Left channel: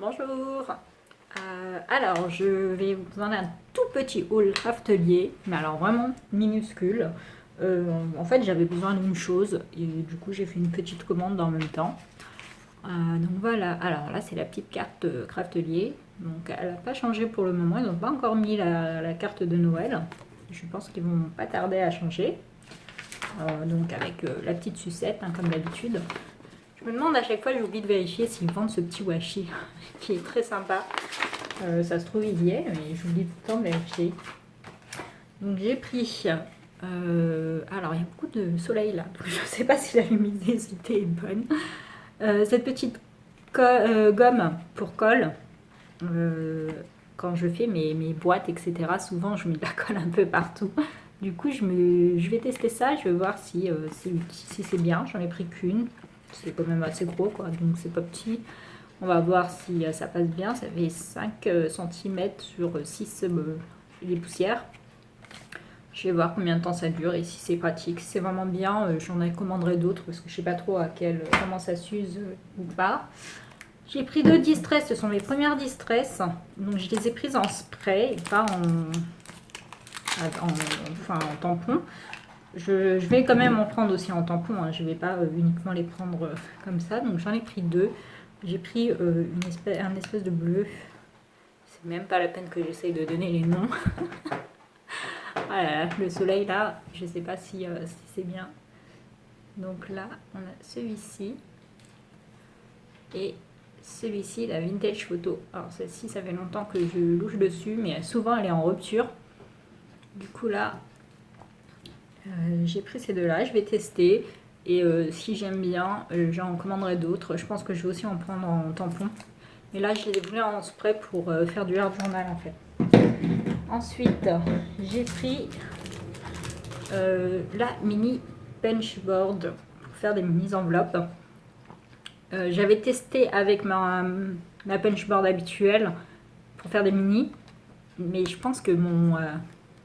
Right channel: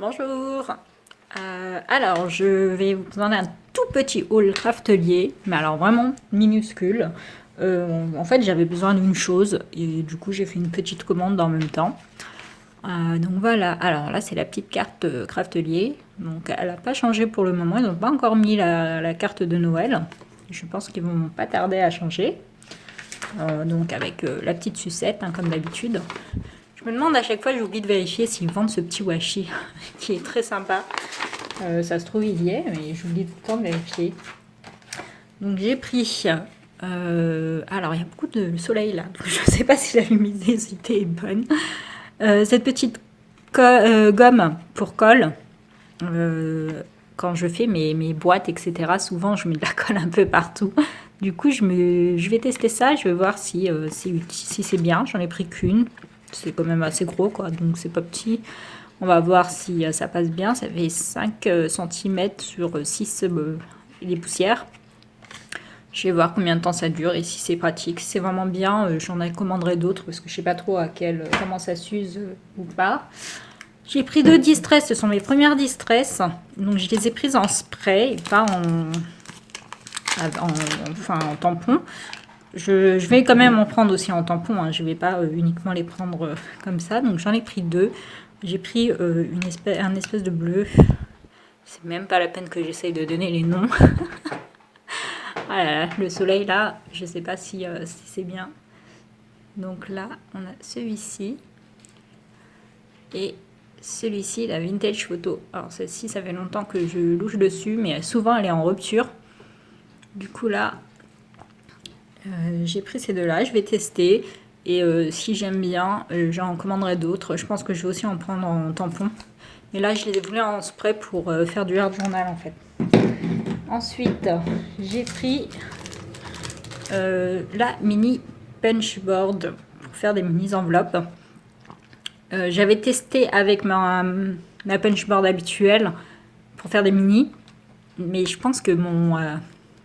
Bonjour. Alors, je vais vous donner un tout petit haul craftelier, mais alors vraiment minuscule. En fait, j'avais besoin d'une chose et du coup, j'ai fait une petite commande en même temps. Donc voilà. Alors là, c'est la petite carte craftelier. Donc, elle n'a pas changé pour le moment. Ils n'ont pas encore mis la carte de Noël. Je pense qu'ils vont pas tarder à changer. Donc avec la petite sucette, hein, comme d'habitude. Je me demande à chaque fois, j'oublie de vérifier s'ils vendent ce petit washi qui est très sympa. Ça se trouve, il y est, mais j'oublie tout le temps de vérifier. Donc j'ai pris. Alors il y a beaucoup de soleil là, donc je ne sais pas si la luminosité est bonne. Cette petite gomme pour colle. Quand je fais mes boîtes, etc., souvent je mets de la colle un peu partout. Du coup, je vais tester ça, je vais voir si c'est bien. J'en ai pris qu'une. C'est quand même assez gros, quoi, donc c'est pas petit. On va voir si ça passe bien. Ça fait 5 cm sur 6 les poussières. Je vais voir combien de temps ça dure et si c'est pratique. Si c'est vraiment bien, j'en commanderai d'autres parce que je sais pas trop comment ça s'use ou pas. J'ai pris 2 distress, ce sont mes premières distress. Donc je les ai prises en spray et pas en tampon. Je vais quand même en prendre aussi en tampon, hein. Je ne vais pas uniquement les prendre comme ça. Donc j'en ai pris 2. J'ai pris un espèce de bleu. C'est même pas la peine que j'essaye de donner les noms. Voilà, le soleil là, je ne sais pas si c'est bien. Donc là, on a celui-ci. Et celui-ci, la Vintage Photo. Alors celle-ci, ça fait longtemps que je louche dessus, mais souvent elle est en rupture. Du coup là, j'ai pris ces deux-là, je vais tester. Et si j'aime bien, j'en commanderai d'autres. Je pense que je vais aussi en prendre en tampon. Mais là, je les ai voulu en spray pour faire du hard journal en fait. Ensuite, j'ai pris la mini punchboard pour faire des mini enveloppes. J'avais testé avec ma punchboard habituelle pour faire des mini. Mais je pense que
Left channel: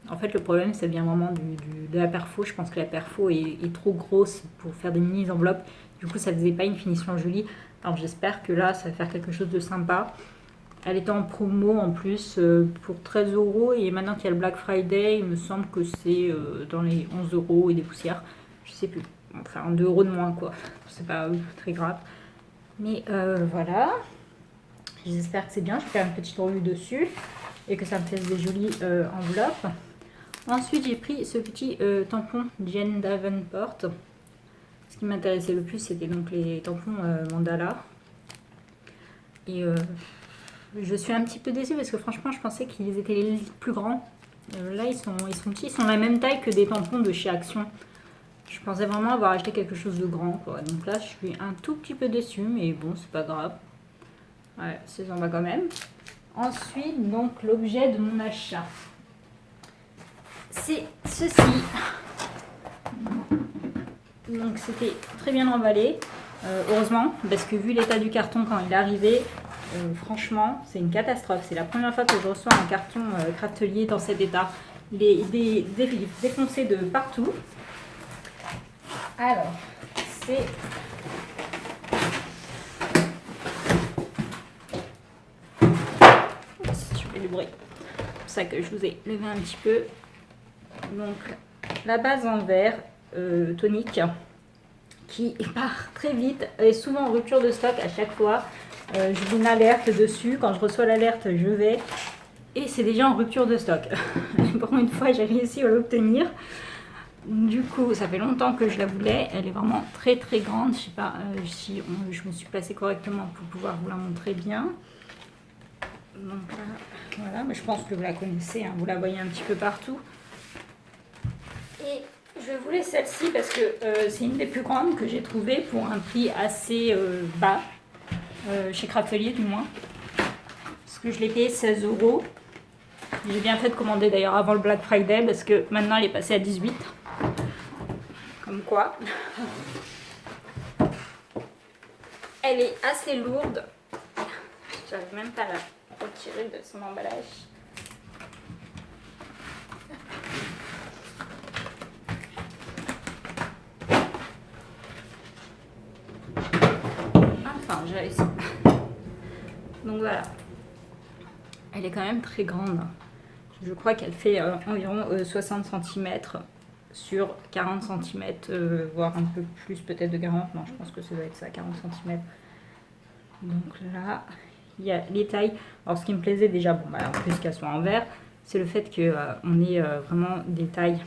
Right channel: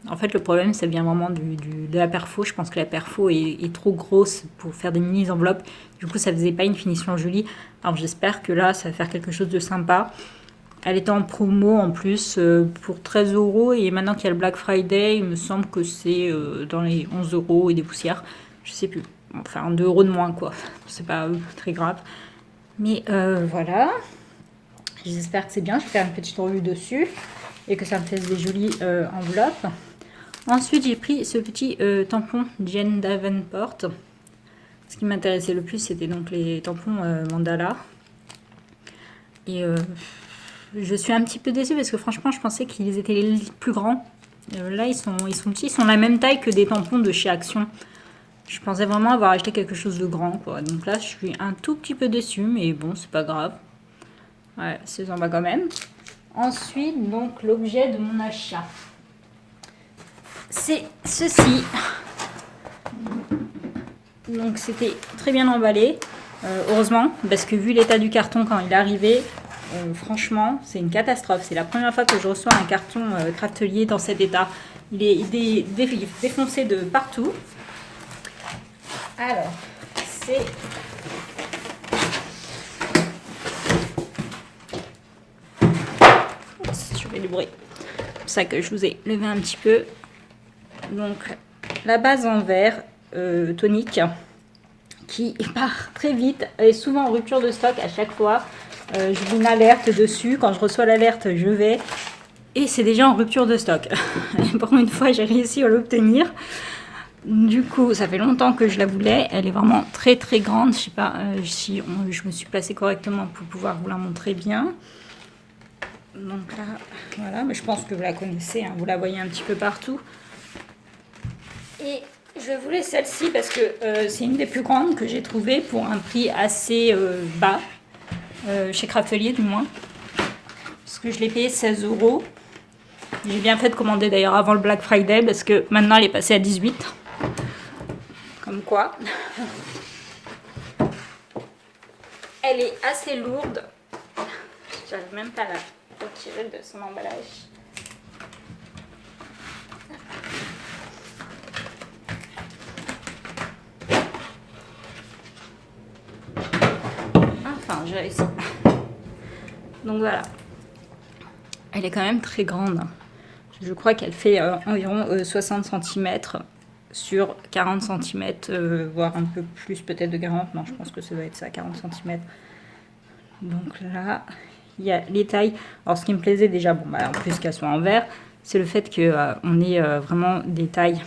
en fait, le problème, ça vient vraiment de la perfo. Je pense que la perfo est trop grosse pour faire des mini enveloppes. Du coup, ça faisait pas une finition jolie. Alors, j'espère que là, ça va faire quelque chose de sympa. Elle était en promo en plus pour 13 euros. Et maintenant qu'il y a le Black Friday, il me semble que c'est dans les 11 euros et des poussières. Je sais plus. Enfin, 2 euros de moins, quoi. C'est pas très grave. Mais voilà. J'espère que c'est bien. Je vais faire une petite revue dessus et que ça me fasse des jolies enveloppes. Ensuite, j'ai pris ce petit tampon Jane Davenport. Ce qui m'intéressait le plus, c'était donc les tampons mandala. Et je suis un petit peu déçue parce que franchement, je pensais qu'ils étaient les plus grands. Là, ils sont petits. Ils sont la même taille que des tampons de chez Action. Je pensais vraiment avoir acheté quelque chose de grand, quoi. Donc là, je suis un tout petit peu déçue, mais bon, c'est pas grave. Ouais, c'est en bas quand même. Ensuite, donc, l'objet de mon achat. C'est ceci. Donc c'était très bien emballé, heureusement, parce que vu l'état du carton quand il est arrivé, franchement, c'est une catastrophe. C'est la première fois que je reçois un carton craftelier dans cet état. Il est défoncé de partout. Alors, c'est... Oups, je fais du bruit. C'est pour ça que je vous ai levé un petit peu. Donc, la base en verre tonique qui part très vite. Elle est souvent en rupture de stock à chaque fois. Je vous une alerte dessus. Quand je reçois l'alerte, je vais. Et c'est déjà en rupture de stock. Pour une fois, j'ai réussi à l'obtenir. Du coup, ça fait longtemps que je la voulais. Elle est vraiment très très grande. Je sais pas si je me suis placée correctement pour pouvoir vous la montrer bien. Donc là, voilà. Mais je pense que vous la connaissez, hein. Vous la voyez un petit peu partout. Et je voulais celle-ci parce que c'est une des plus grandes que j'ai trouvées pour un prix assez bas, chez Craftelier du moins. Parce que je l'ai payé 16 euros. J'ai bien fait de commander d'ailleurs avant le Black Friday parce que maintenant elle est passée à 18. Comme quoi. Elle est assez lourde. J'arrive même pas à la retirer de son emballage. Enfin, j'ai réussi. Donc voilà. Elle est quand même très grande. Je crois qu'elle fait environ 60 cm sur 40 cm, voire un peu plus peut-être de 40. Non, je pense que ça doit être ça, 40 cm. Donc là, il y a les tailles. Alors ce qui me plaisait déjà, bon, bah, en plus qu'elles soient en verre, c'est le fait qu'on ait vraiment des tailles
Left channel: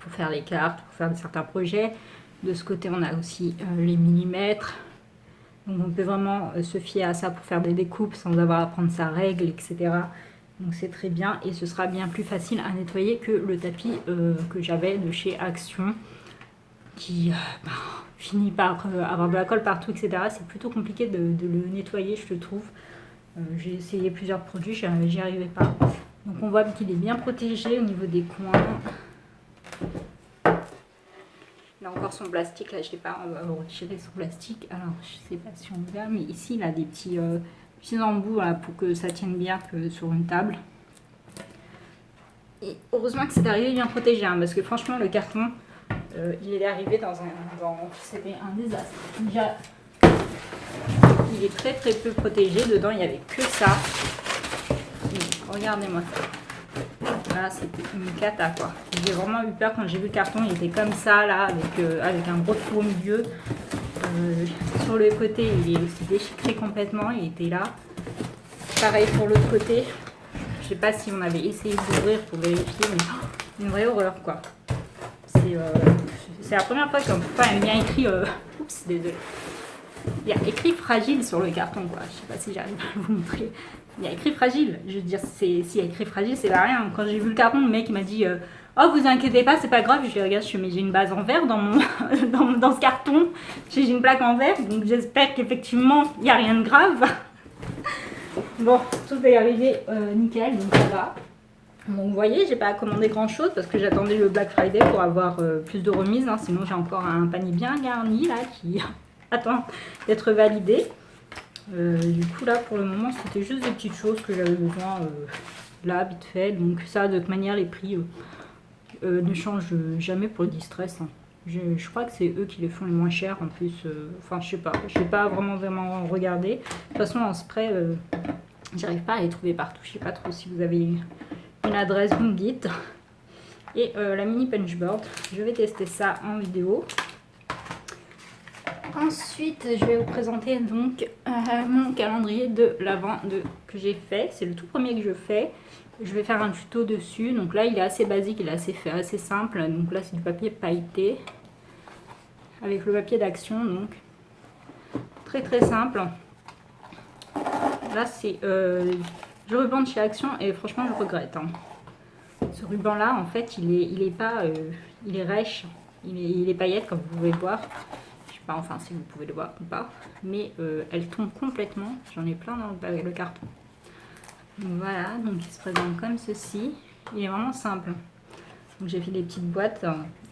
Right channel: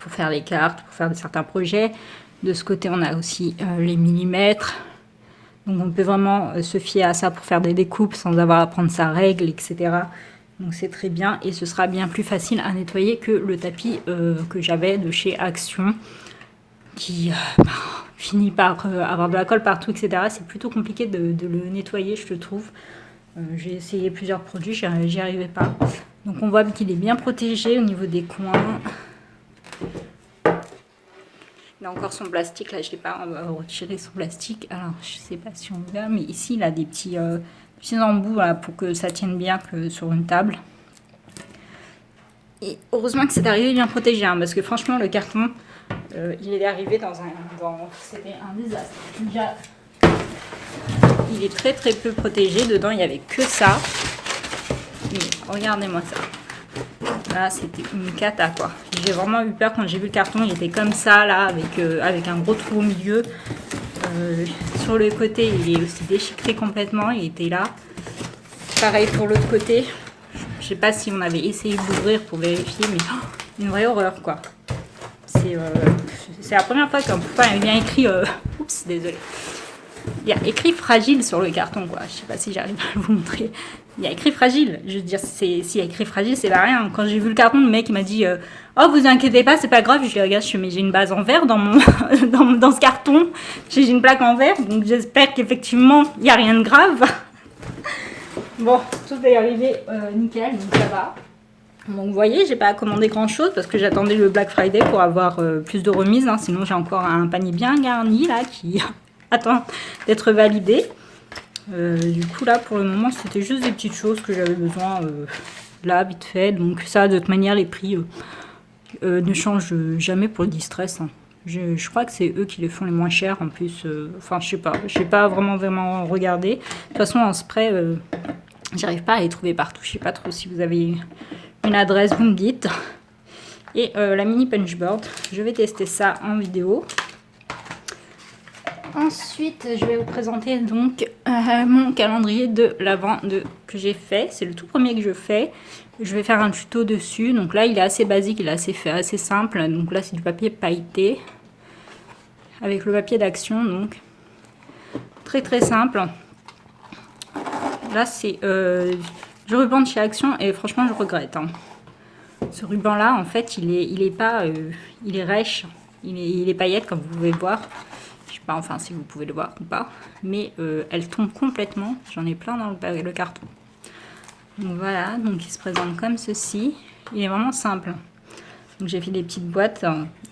pour faire les cartes, pour faire certains projets. De ce côté, on a aussi les millimètres. Donc on peut vraiment se fier à ça pour faire des découpes sans avoir à prendre sa règle, etc. Donc c'est très bien et ce sera bien plus facile à nettoyer que le tapis que j'avais de chez Action qui finit par avoir de la colle partout, etc. C'est plutôt compliqué de le nettoyer, je trouve. J'ai essayé plusieurs produits, j'y arrivais pas. Donc on voit qu'il est bien protégé au niveau des coins. Il a encore son plastique, là je l'ai pas retiré son plastique. Alors je sais pas si on voit, mais ici il a des petits embouts là, pour que ça tienne bien que sur une table. Et heureusement que c'est arrivé bien protégé, hein, parce que franchement le carton, il est arrivé c'était un désastre. Déjà, il est très très peu protégé, dedans il n'y avait que ça. Mais regardez-moi ça. Là, c'était une cata, quoi. J'ai vraiment eu peur quand j'ai vu le carton. Il était comme ça, là, avec un gros trou au milieu. Sur le côté, il est aussi déchiqueté complètement. Il était là. Pareil pour l'autre côté. Je sais pas si on avait essayé d'ouvrir pour vérifier, mais une vraie horreur, quoi. C'est la première fois qu'un pourtant il y a bien écrit... Oups, désolé. Il y a écrit fragile sur le carton, quoi. Je sais pas si j'arrive à vous montrer. Il y a écrit fragile. Je veux dire, s'il y a écrit fragile, c'est pas rien. Quand j'ai vu le carton, le mec il m'a dit oh, vous inquiétez pas, c'est pas grave. Je lui regarde, mais j'ai une base en verre dans dans ce carton. J'ai une plaque en verre, donc j'espère qu'effectivement il n'y a rien de grave. Bon, tout est arrivé nickel, donc ça va. Donc vous voyez, j'ai pas commandé grand chose parce que j'attendais le Black Friday pour avoir plus de remises. Hein. Sinon, j'ai encore un panier bien garni là qui attend d'être validé. Du coup là pour le moment c'était juste des petites choses que j'avais besoin là vite fait, donc ça de toute manière les prix ne changent jamais pour le distress, hein. Je crois que c'est eux qui les font les moins chers en plus, enfin je sais pas, j'ai pas vraiment regardé. De toute façon en spray j'arrive pas à les trouver partout, je sais pas trop. Si vous avez une adresse vous me dites. Et la mini punchboard, je vais tester ça en vidéo. Ensuite, je vais vous présenter donc mon calendrier de l'Avent que j'ai fait. C'est le tout premier que je fais. Je vais faire un tuto dessus. Donc là, il est assez basique, il est assez simple. Donc là, c'est du papier pailleté avec le papier d'Action. Donc très très simple. Là, c'est du ruban de chez Action et franchement, je regrette, hein. Ce ruban-là, en fait, il est rêche. Il est paillette, comme vous pouvez voir. Je sais pas enfin si vous pouvez le voir ou pas, mais elle tombe complètement. J'en ai plein dans le carton. Donc voilà, donc il se présente comme ceci. Il est vraiment simple. Donc j'ai fait des petites boîtes.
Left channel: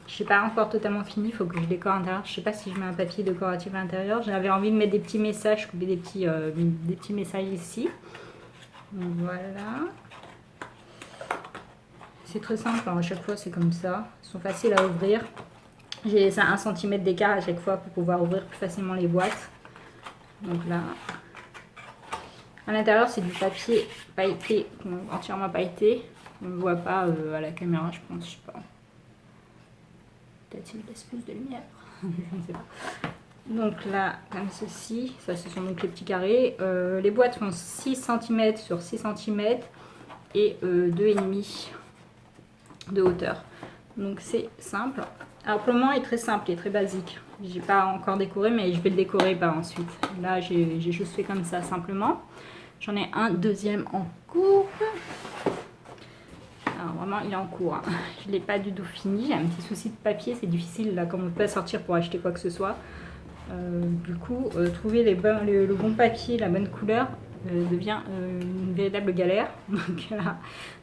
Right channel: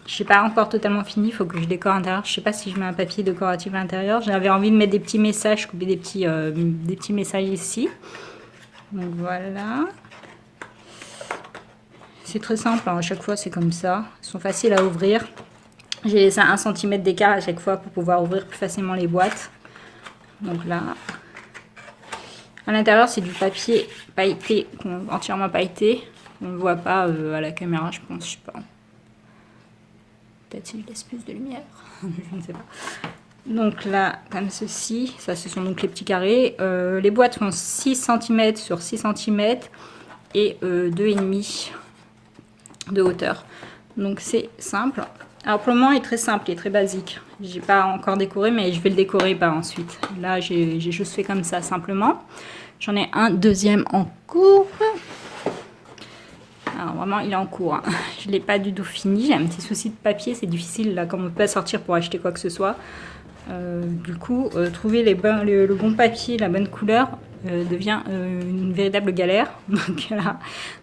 Je sais pas encore totalement fini, il faut que je décore à l'intérieur. Je sais pas si je mets un papier décoratif à l'intérieur. J'avais envie de mettre des petits messages, couper des petits messages ici. Donc voilà. C'est très simple, hein. À chaque fois c'est comme ça. Ils sont faciles à ouvrir. J'ai laissé 1 cm d'écart à chaque fois pour pouvoir ouvrir plus facilement les boîtes. Donc là, à l'intérieur, c'est du papier pailleté, entièrement pailleté. On ne le voit pas à la caméra, je pense, je sais pas. Peut-être qu'il laisse plus de lumière, je ne sais pas. Donc là, comme ceci, ça ce sont donc les petits carrés. Les boîtes font 6 cm sur 6 cm et 2,5 de hauteur. Donc c'est simple. Alors pour le moment il est très simple, il est très basique. J'ai pas encore décoré mais je vais le décorer par ensuite. Là j'ai juste fait comme ça simplement. J'en ai un deuxième en cours. Alors vraiment il est en cours, hein. Je l'ai pas du tout fini, j'ai un petit souci de papier, c'est difficile là comme on peut pas sortir pour acheter quoi que ce soit. Du coup trouver le bon papier, la bonne couleur devient une véritable galère.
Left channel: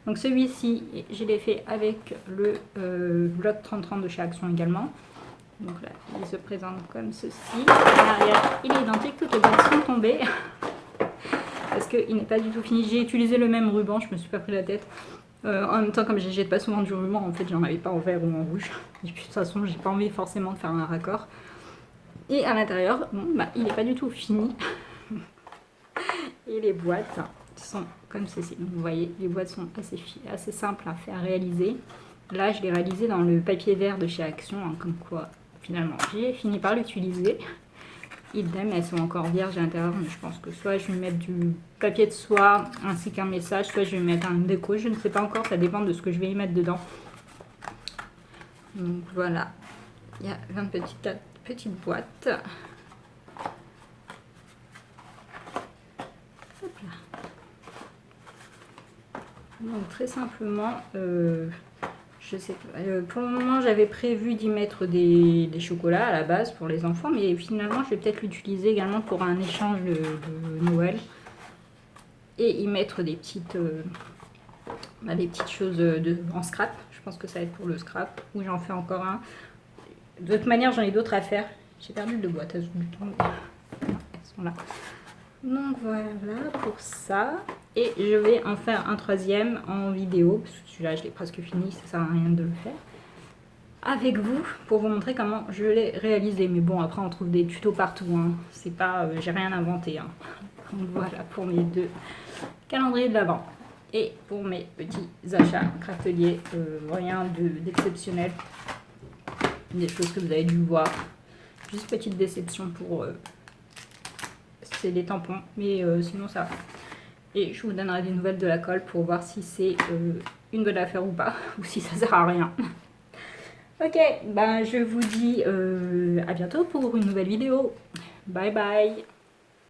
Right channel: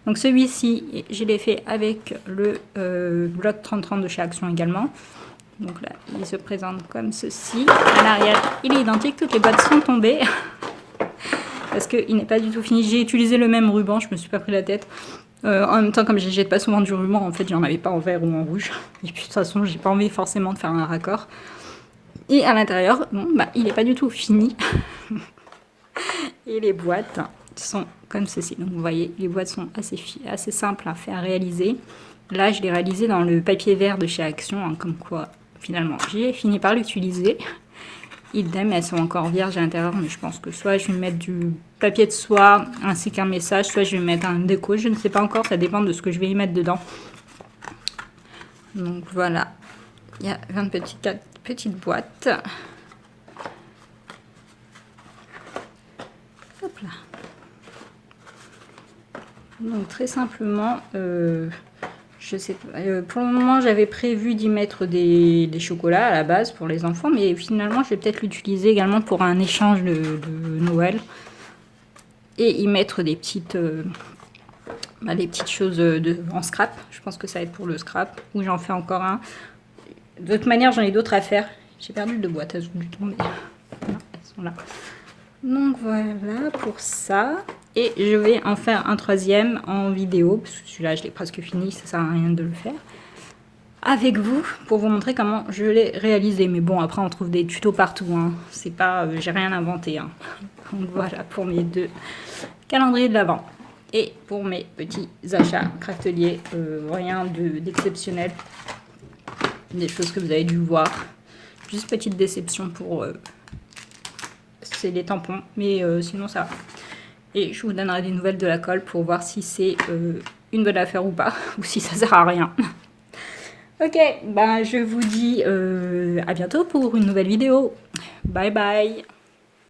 Donc celui-ci, je l'ai fait avec le bloc 3030 de chez Action également. Donc là, il se présente comme ceci. À l'arrière, il est identique, toutes les boîtes sont tombées. Parce qu'il n'est pas du tout fini. J'ai utilisé le même ruban, je me suis pas pris la tête. En même temps, comme je jette pas souvent du ruban, en fait, j'en avais pas en vert ou en rouge. Et puis de toute façon, j'ai pas envie forcément de faire un raccord. Et à l'intérieur, bon, bah, il n'est pas du tout fini. Et les boîtes sont comme ceci. Donc vous voyez, les boîtes sont assez simples à faire réaliser. Là, je l'ai réalisé dans le papier vert de chez Action, hein, comme quoi finalement j'ai fini par l'utiliser. Idem, elles sont encore vierges à l'intérieur, mais je pense que soit je vais mettre du papier de soie ainsi qu'un message, soit je vais mettre un déco, je ne sais pas encore, ça dépend de ce que je vais y mettre dedans. Donc voilà, il y a 20 petites boîtes. Hop là. Donc très simplement, je sais pas, pour le moment j'avais prévu d'y mettre des chocolats à la base pour les enfants, mais finalement je vais peut-être l'utiliser également pour un échange de Noël et y mettre des petites choses en scrap. Je pense que ça va être pour le scrap, ou j'en fais encore un. De toute manière j'en ai d'autres à faire. J'ai perdu 2 boîtes à ce du temps, mais elles sont là. Donc voilà pour ça. Et je vais en faire un troisième en vidéo, parce que celui-là je l'ai presque fini, ça sert à rien de le faire avec vous pour vous montrer comment je l'ai réalisé. Mais bon, après on trouve des tutos partout, hein. C'est pas, j'ai rien inventé, hein. Donc voilà pour mes 2 calendriers de l'Avent. Et pour mes petits achats crafteliers, rien d'exceptionnel. Des choses que vous avez dû voir. Juste petite déception pour... c'est les tampons, mais sinon ça va. Et je vous donnerai des nouvelles de la colle pour voir si c'est une bonne affaire ou pas, ou si ça sert à rien. Ok, ben je vous dis à bientôt pour une nouvelle vidéo. Bye bye.